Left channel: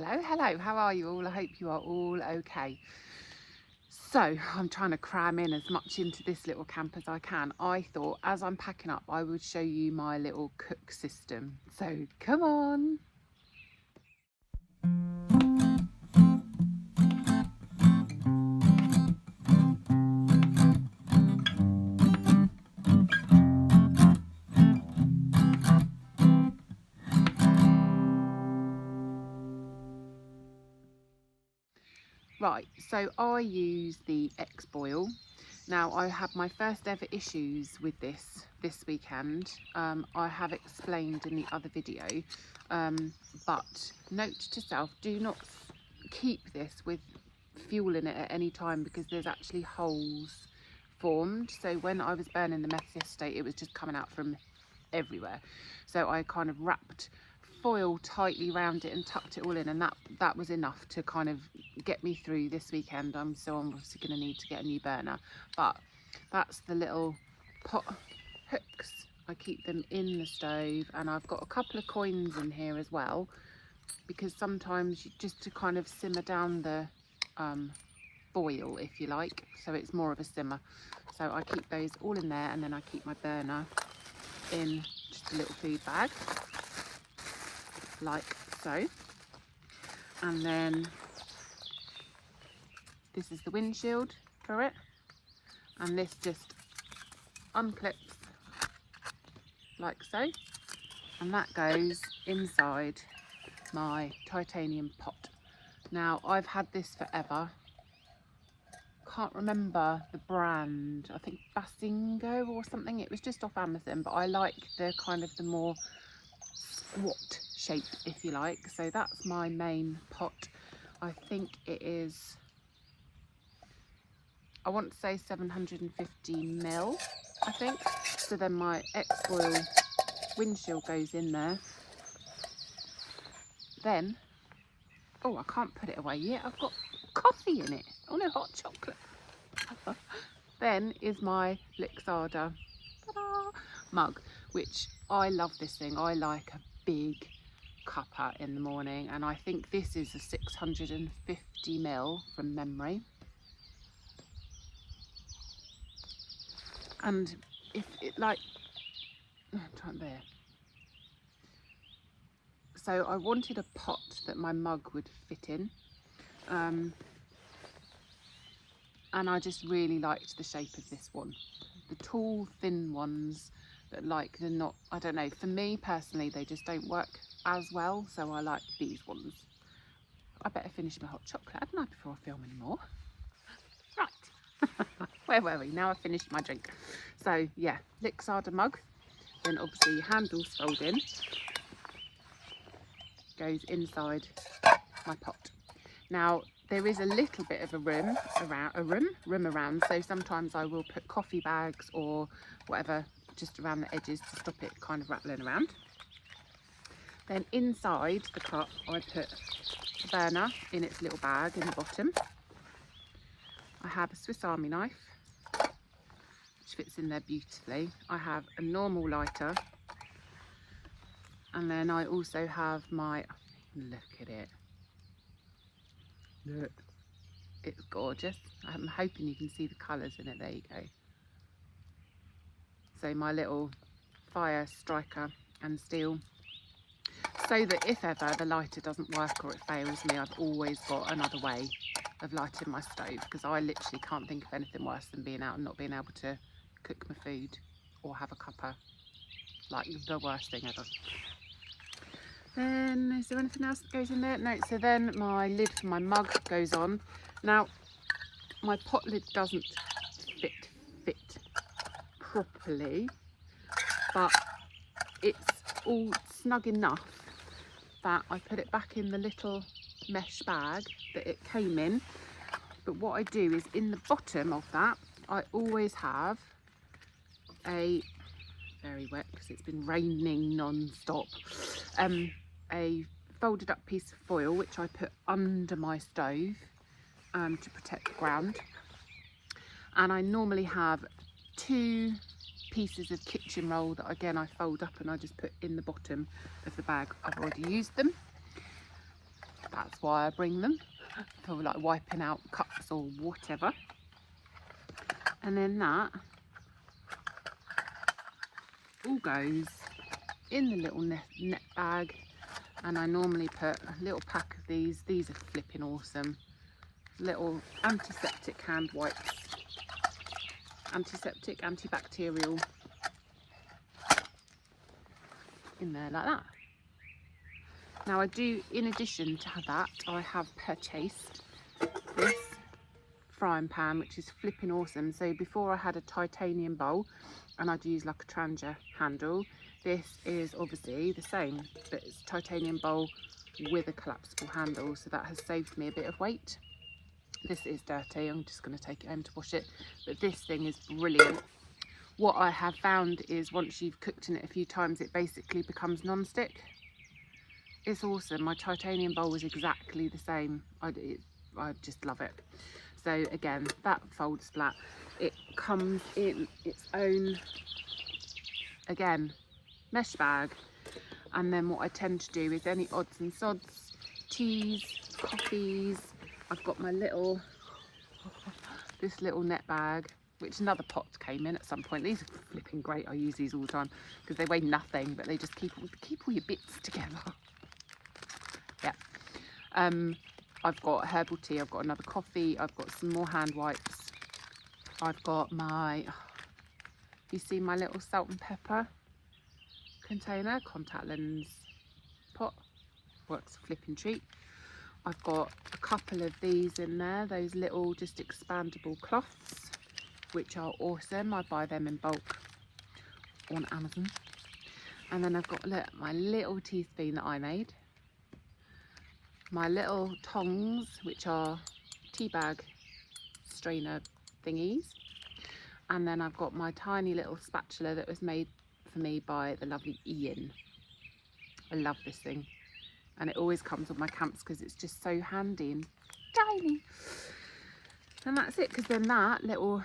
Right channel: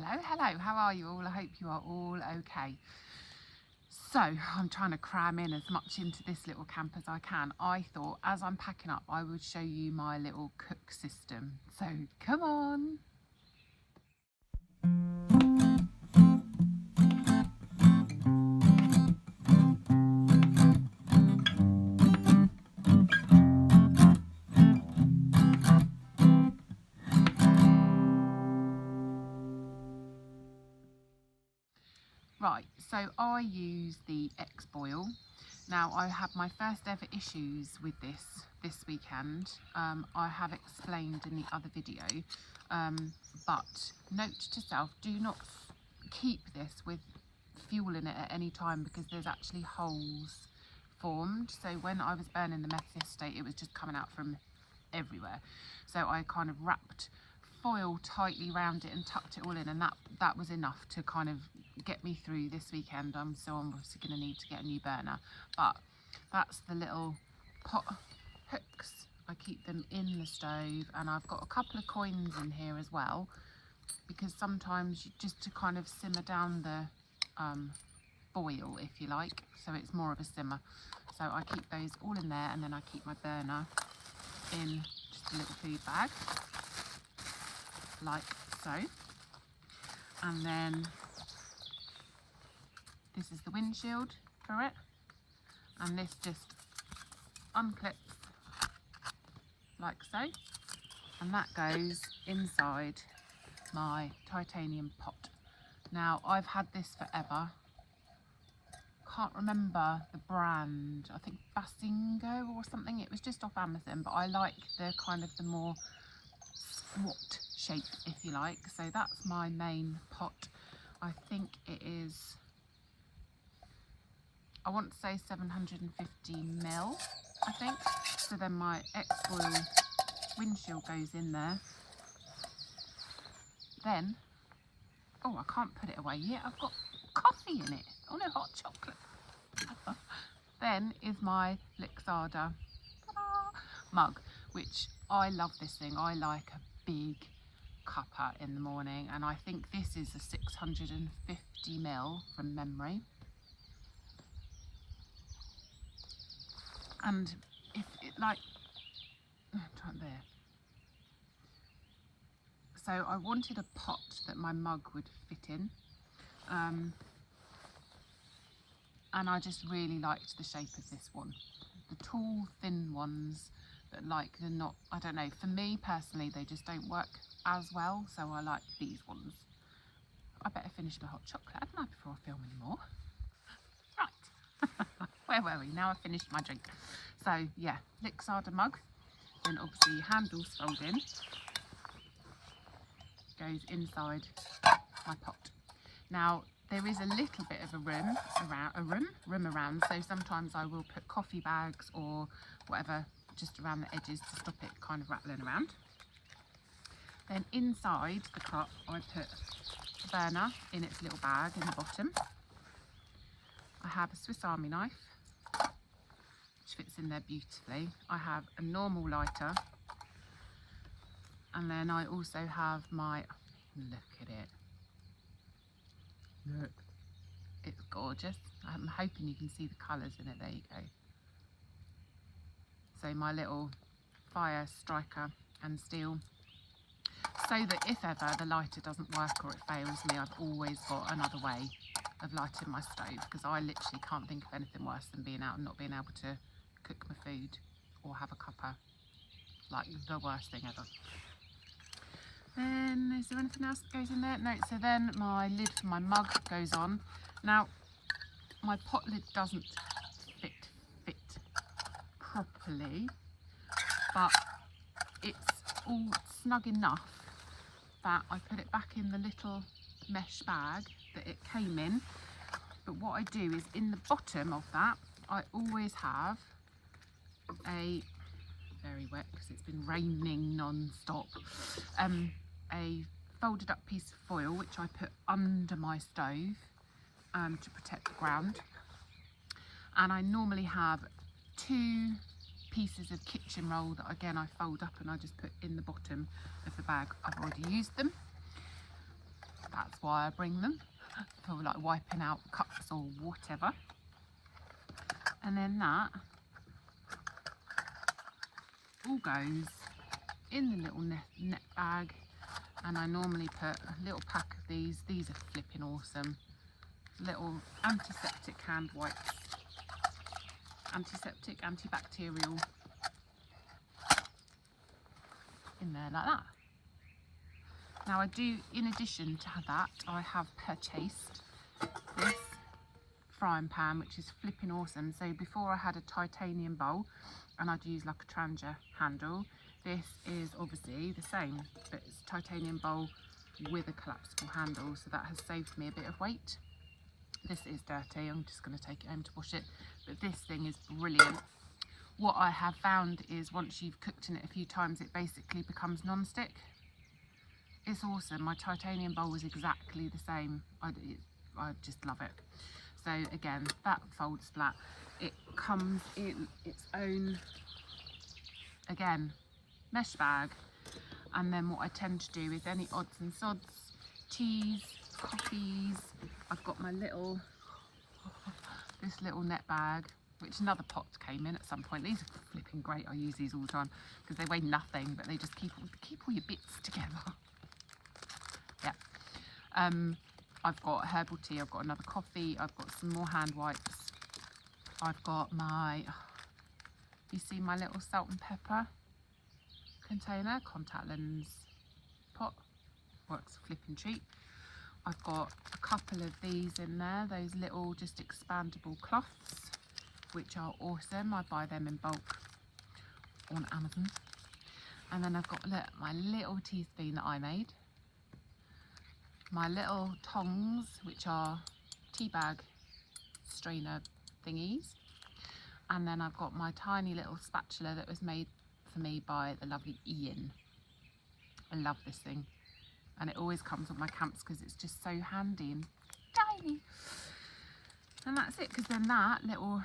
Hello, how are you all? I hope you are all okay. So I'm trying to cram in as much into this little camp as I can. I thought as I'm packing up I would show you my little cook system. So come on. Right, so I use the X-Boil. Now I had my first ever issues with this weekend. I have explained in the other video, but note to self, do not keep this with fuel in it at any time because there's actually holes formed. So when I was burning the meth yesterday, it was just coming out from everywhere. So I kind of wrapped foil tightly around it and tucked it all in, and that was enough to kind of get me through this weekend. I'm obviously going to need to get a new burner, but that's the little pot hooks. I keep them in the stove, and I've got a couple of coins in here as well, because sometimes just to kind of simmer down the boil, if you like, so it's more of a simmer. So I keep those all in there, and then I keep my burner in just a little food bag like so. And then this is the windshield for it, and this just unclips like so, and that goes inside my titanium pot. Now I've had this forever, can't remember the brand, I think Basingo or something. It was just off Amazon, but I like the kind of the more squat shape, if you like. So that's my main pot. I think it is, I want to say 750ml, I think. So then my X-Boil windshield goes in there. Then, oh, I can't put it away yet, I've got coffee in it. Oh no, hot chocolate. Then is my Lixada mug, which I love this thing. I like a big cuppa in the morning, and I think this is a 650ml from memory. And if it like, there. So I wanted a pot that my mug would fit in, and I just really liked the shape of this one. The tall, thin ones that they're not, I don't know, for me personally, they just don't work as well, so I like these ones. I better finish my hot chocolate, hadn't I, before I film anymore? Right. Where were we? Now I've finished my drink. So yeah, Lixada mug, then obviously your handles fold in, goes inside my pot. Now there is a little bit of a room around, so sometimes I will put coffee bags or whatever just around the edges to stop it kind of rattling around. Then inside the cup I put the burner in its little bag in the bottom. I have a Swiss Army knife which fits in there beautifully. I have a normal lighter, and then I also have my, look at it, look, it's gorgeous. I'm hoping you can see the colours in it. There you go. So my little fire striker and steel, so that if ever the lighter doesn't work or it fails me, I've always got another way of lighting my stove, because I literally can't think of anything worse than being out and not being able to cook my food or have a cuppa. Like the worst thing ever. Then is there anything else that goes in there? No. So then my lid for my mug goes on. Now my pot lid doesn't fit properly, but it's all snug enough that I put it back in the little mesh bag that it came in. But what I do is in the bottom of that, I always have a, very wet because it's been raining non-stop, a folded up piece of foil which I put under my stove to protect the ground. And I normally have 2 pieces of kitchen roll that again I fold up and I just put in the bottom of the bag. I've already used them. That's that's why I bring them, for like wiping out cups or whatever. And then that all goes in the little net bag, and I normally put a little pack of these are flipping awesome, little antiseptic hand wipes, antiseptic, antibacterial, in there like that. Now I do, in addition to that, I have purchased this frying pan, which is flipping awesome. So before I had a titanium bowl and I'd use like a Trangia handle. This is obviously the same, but it's a titanium bowl with a collapsible handle, so that has saved me a bit of weight. This is dirty, I'm just going to take it home to wash it, but this thing is brilliant. What I have found is once you've cooked in it a few times, it basically becomes non-stick. It's awesome. My titanium bowl was exactly the same. I just love it. So again, that folds flat. It comes in its own, again, mesh bag. And then what I tend to do is any odds and sods, teas, coffees. I've got my little, this little net bag, which another pot came in at some point. These are flipping great. I use these all the time because they weigh nothing, but they just keep all your bits together. Yeah. I've got herbal tea, I've got another coffee, I've got some more hand wipes, I've got my, you see my little salt and pepper container, contact lens pot, works a flipping treat. I've got a couple of these in there, those little just expandable cloths, which are awesome. I buy them in bulk on Amazon. And then I've got my little teaspoon that I made, my little tongs, which are tea bag strainer thingies, and then I've got my tiny little spatula that was made for me by the lovely Ian. I love this thing, and it always comes with my camps because it's just so handy and tiny. And that's it, because then that little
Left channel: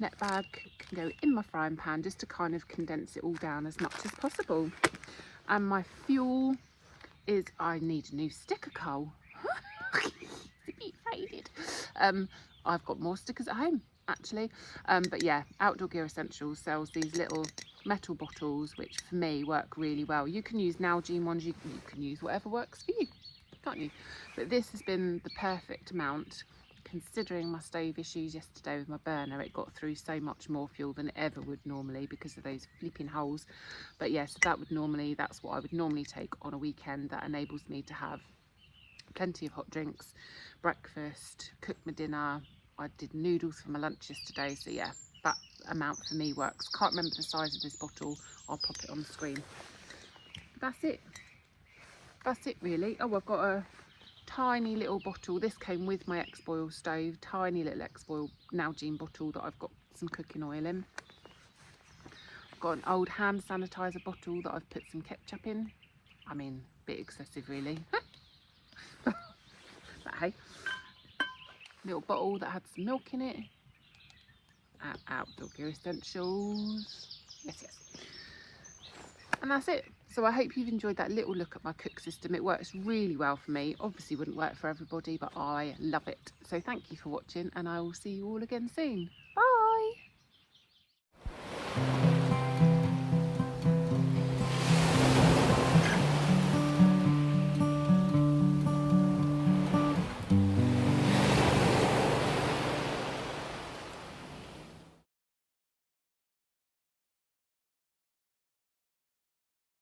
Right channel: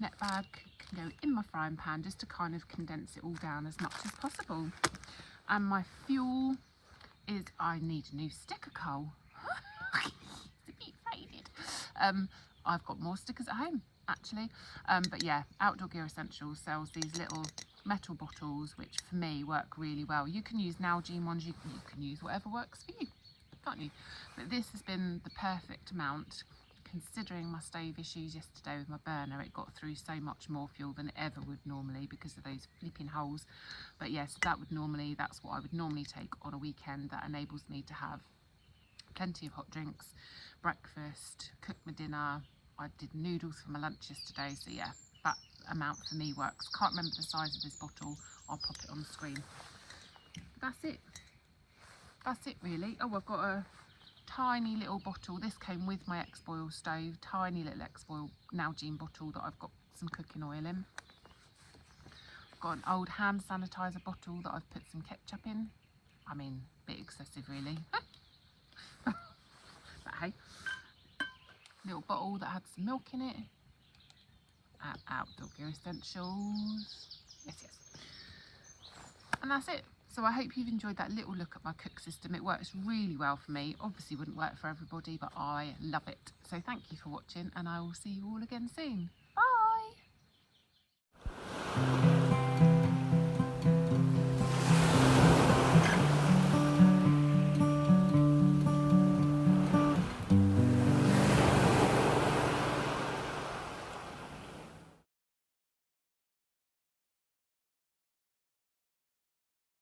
net bag can go in my frying pan just to kind of condense it all down as much as possible. And my fuel is, I need a new sticker coal. It's a bit faded. I've got more stickers at home actually, but yeah, Outdoor Gear Essentials sells these little metal bottles which for me work really well. You can use Nalgene ones, you can use whatever works for you, can't you? But this has been the perfect amount, considering my stove issues yesterday with my burner. It got through so much more fuel than it ever would normally because of those flipping holes. But yes, that's what I would normally take on a weekend. That enables me to have plenty of hot drinks, breakfast, cook my dinner. I did noodles for my lunch yesterday, so yeah, that amount for me works. Can't remember the size of this bottle, I'll pop it on the screen. That's it really. Oh, I've got a tiny little bottle. This came with my X-Boil stove, tiny little X-Boil Nalgene bottle that I've got some cooking oil in. I've got an old hand sanitizer bottle that I've put some ketchup in. I mean, a bit excessive really. But hey, little bottle that had some milk in it. Outdoor Gear Essentials. Yes. And that's it. So I hope you've enjoyed that little look at my cook system. It works really well for me. Obviously wouldn't work for everybody, but I love it. So thank you for watching, and I will see you all again soon. Bye.